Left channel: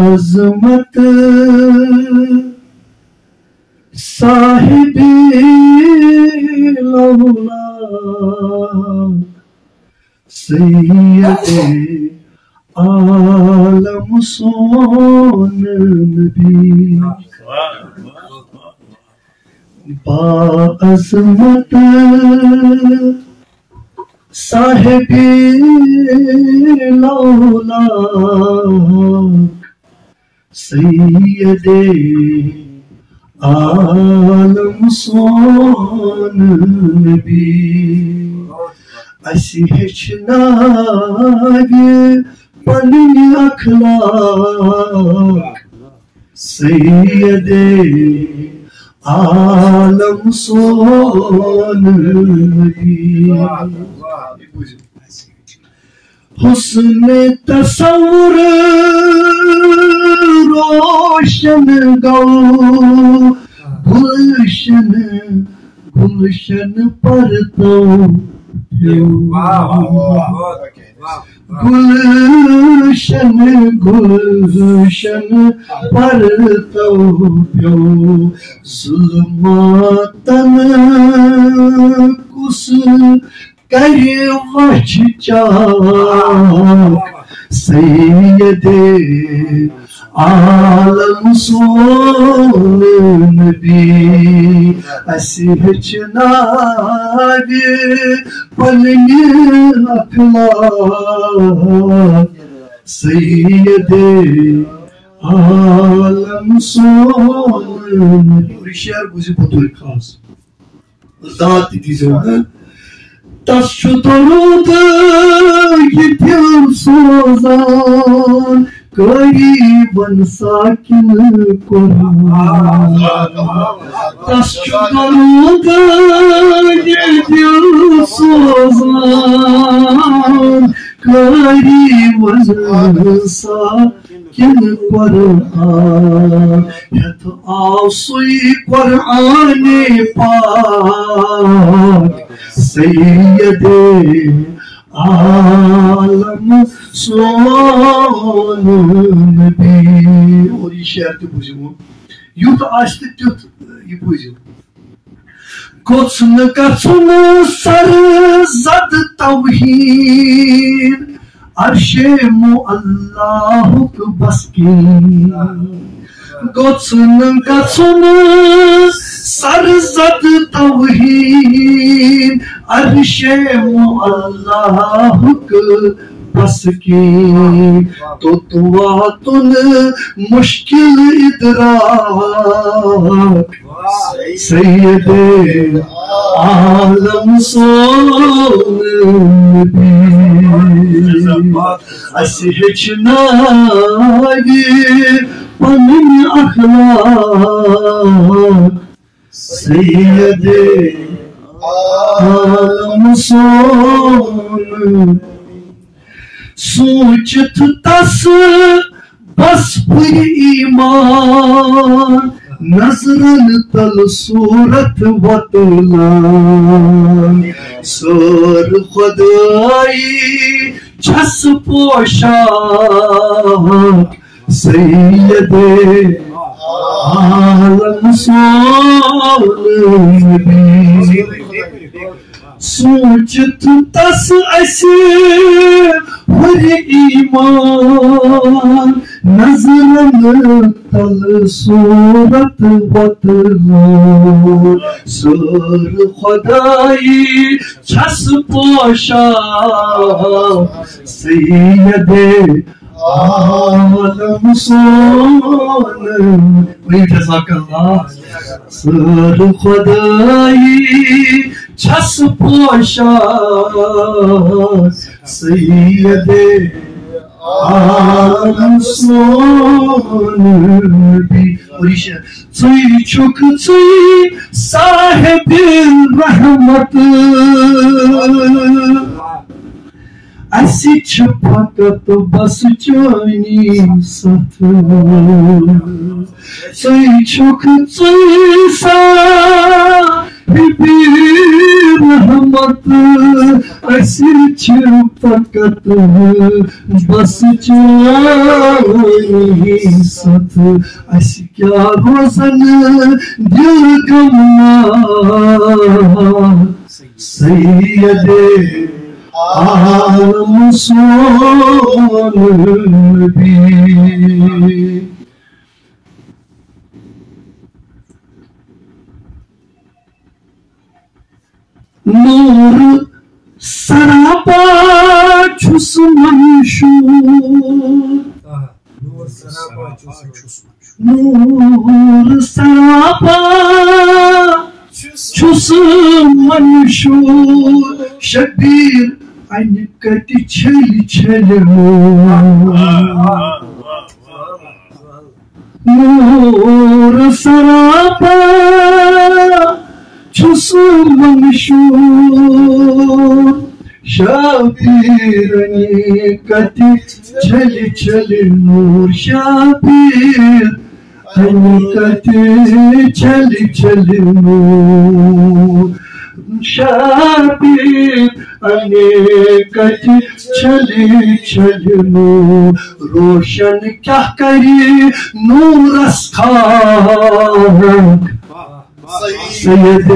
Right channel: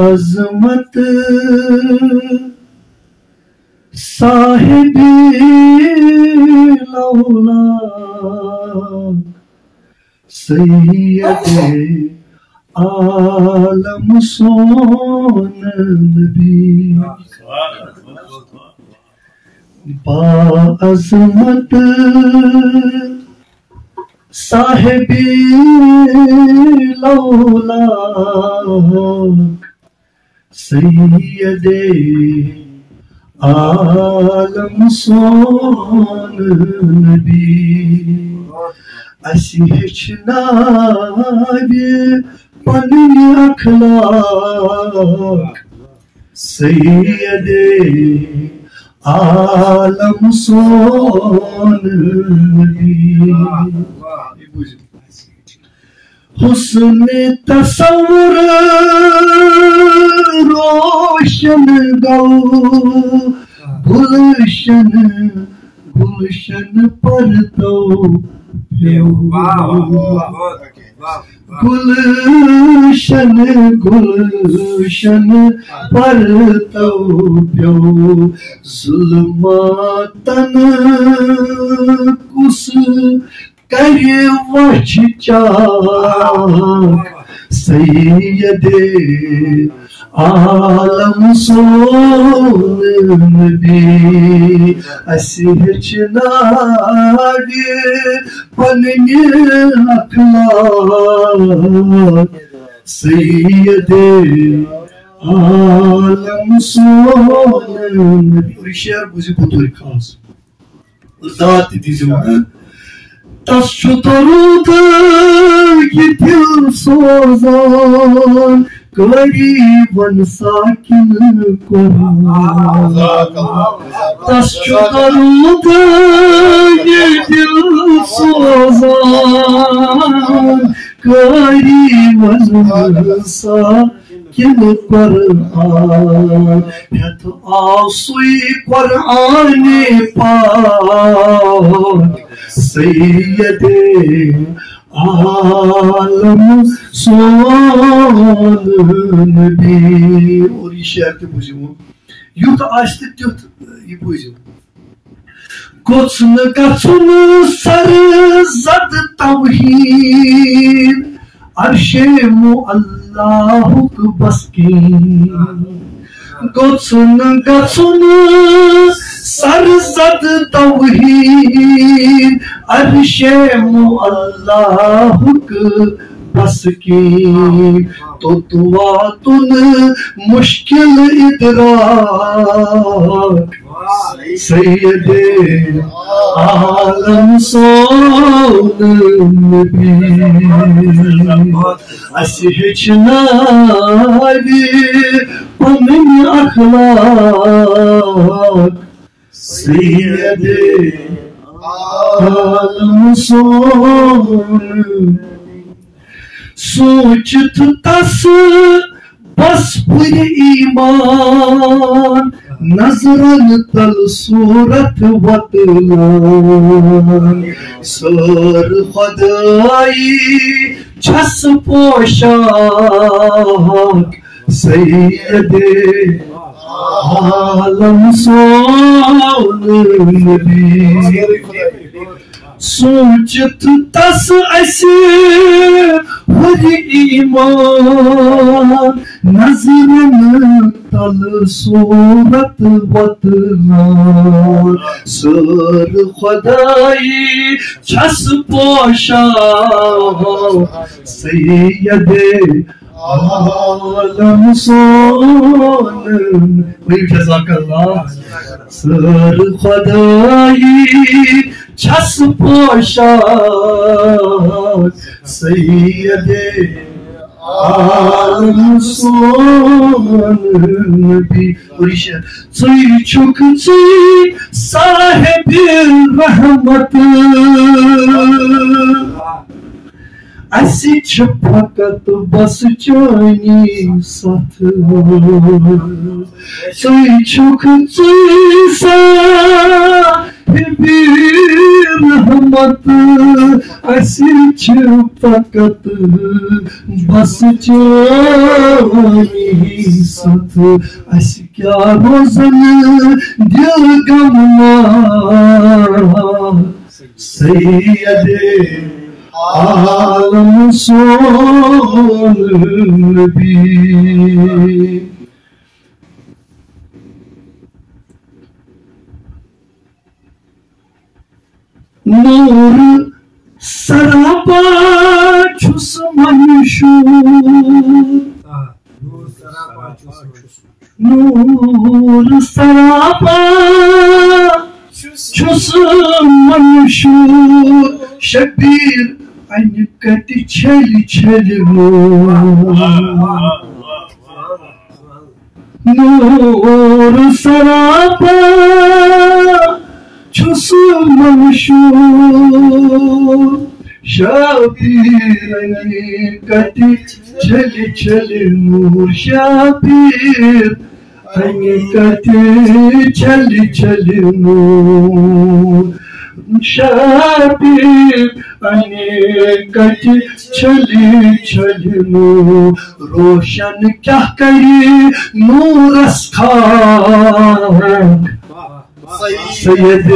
عظمت صاحب الاولاق سید عالم سون نبی با عظمت صاحب الاولاق سید عالم سون نبی اسی ہچناوی پنن اخلاق سید عالم سون نبی حسن تصور روشن گو گلشن گلشن پرتو گلشن گلشن پرتو پیو ظلماتن کس کر وچ چاک سید عالم سون نبی اسی ہچناوی پنن اخلاق سید عالم سون نبی اور شعر بوزی بطور خاص ذات دیزو تس چھُ درود یہ دل سوزان قریباً ساکن قرآن تس چھُ درود یہ دل سوزان قریباً ساکن قرآن ہتھ آو سُے قرآن پاک سید عالم سون نبی اور یہ شعر تہ بوزیو یوت آسہ تیت یہ بوزیو گوژھ نہٕ گژھُن سر زد توحید عرشِ معلّاہُک بسکین گوژھ نہٕ گژھُن سر زد توحید عرشِ معلّاہُک بسکین توتواتن مشکل ادراک سید عالم سون نبی اسی ہچناوی پنن اخلاق سید عالم سون سوچت تس بس پُر ایمان نظرن تل صورت وطلان سر خدائی چھس پوشاک سید عالم سون نبی سوچت تس اسی پُر ایمان نظرن تل صورت وطلان سر خدائی چھس پوشاک سید عالم سون جزاک اللہ سر خدائی چھس پوشاک سید عالم سون نبی اور یہ شعر ژٕے چھُکھ ژٕے صاحب رحمت اسی چھِ فقط بس چانی ساتھ ژٕے چھُکھ ژٕے صاحب رحمت اسی چھِ فقط بس چانی وسط اس کیا روزن دل گمنا سید عالم سون نبی نور سراپا چھس منشور نور سراپا چھس منشور شبیر ان کتی چھل چھل نور سراپا چھس منشور شبیر ان کتی چھل چھل نور شبیر ان کتی چھل چھل نور شبیر ان کتی چھل چھل نور روشن کیا کری نور اسخاک سید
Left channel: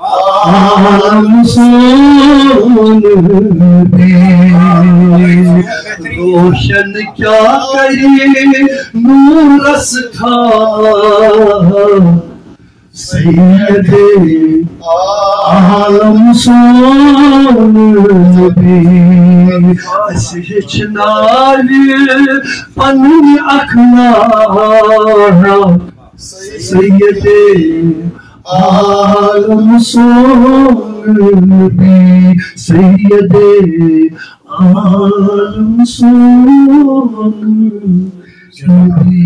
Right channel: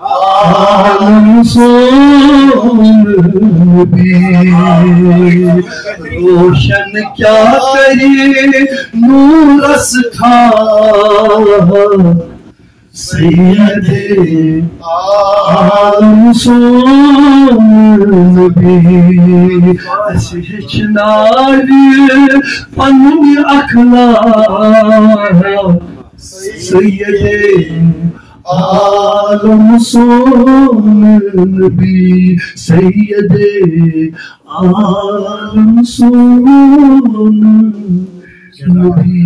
عالم سون نبی روشن کیا کری نور اسخاک سید عالم سون نبی اس ہچناوی پنن اخلاق سید عالم سون نبی سید عالم سون نبی